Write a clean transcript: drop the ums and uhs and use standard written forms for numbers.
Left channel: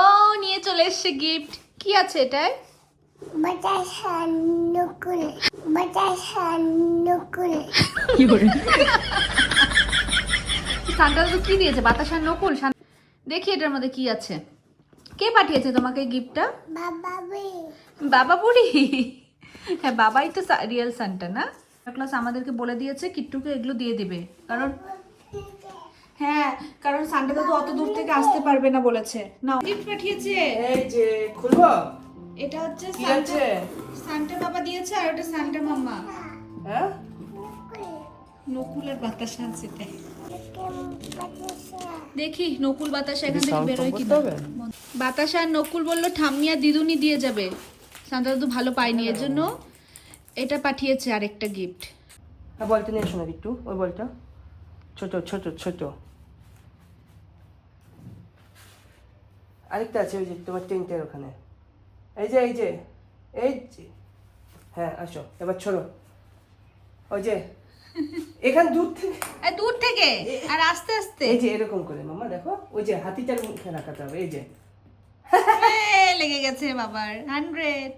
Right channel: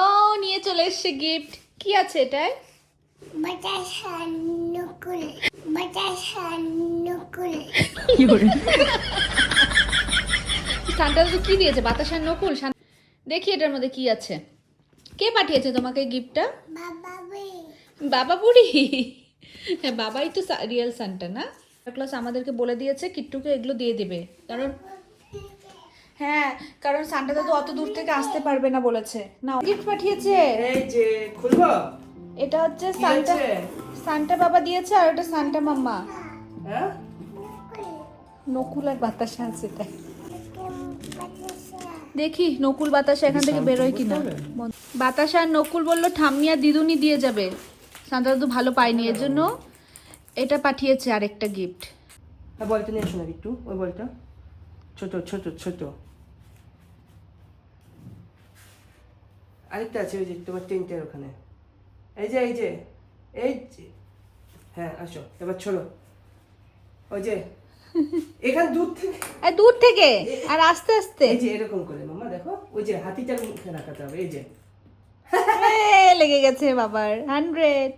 ও নিয়ে চলে এসছে গিফট। কি আছে এটায়? বাতাসা নকুল, বাতাসা নকুল। সান্টা দাদু কি দিয়েছে? বাতাসার নকুল। দেখি এটার মধ্যে কি আছে। কে পাঠিয়েছে তোমাকে গিফটটা? বাবা বে, বাবা বুড়ি। হ্যাঁ, বাবাই তো রিয়েল সান্টা না? ক্লাস আমাদেরকে বলে দিয়েছে কিট্টুকে এগুলো দিয়ে দিবে, কারণ হ্যাঁ, কারণ সান্টা দাদু অত দূর থেকে আসতে পারবে না বলেছে। না, গিফট পাঠিয়েছে। এই যে খুলবো। এটা হচ্ছে কি সান্টা, আছে? সান্টা বাবা দিয়েছে, আর এটা সান্টা মাম্মা। হ্যাঁ নকুল আর বাতাসা আছে এটাই। বাতাসা। দেখি নকুল বাতাসা এখান থেকে sound বেরোয় কম কিনা। করতে হবে? বাতাসা আর নকুল বললো ঠাম্মি আর দিদুনি দিয়ে যাবে, সান্তা দাদু ভালো পায়নি, এর জন্য এটা পাঠিয়েছে আরেকটা গিফট। হ্যাঁ, বলটা নিয়ে শোনা একটু, ওই বলটা ছোট ছোট ছোট। আরেকটা আছে ওই যে তোমার টেন্টের ওখানে। এই যে এই যে এই যে, হ্যাঁ আসো এবার ছোড়ো। ওই যে এখান দূর থেকে, আর দূর থেকে আর আস্তে আস্তে। এই যে এরকম করে মামা দেখো, ওই যে হাতিটার মুখে রাখাতে হবে। এই যে লেগে গেছে বাবার 100।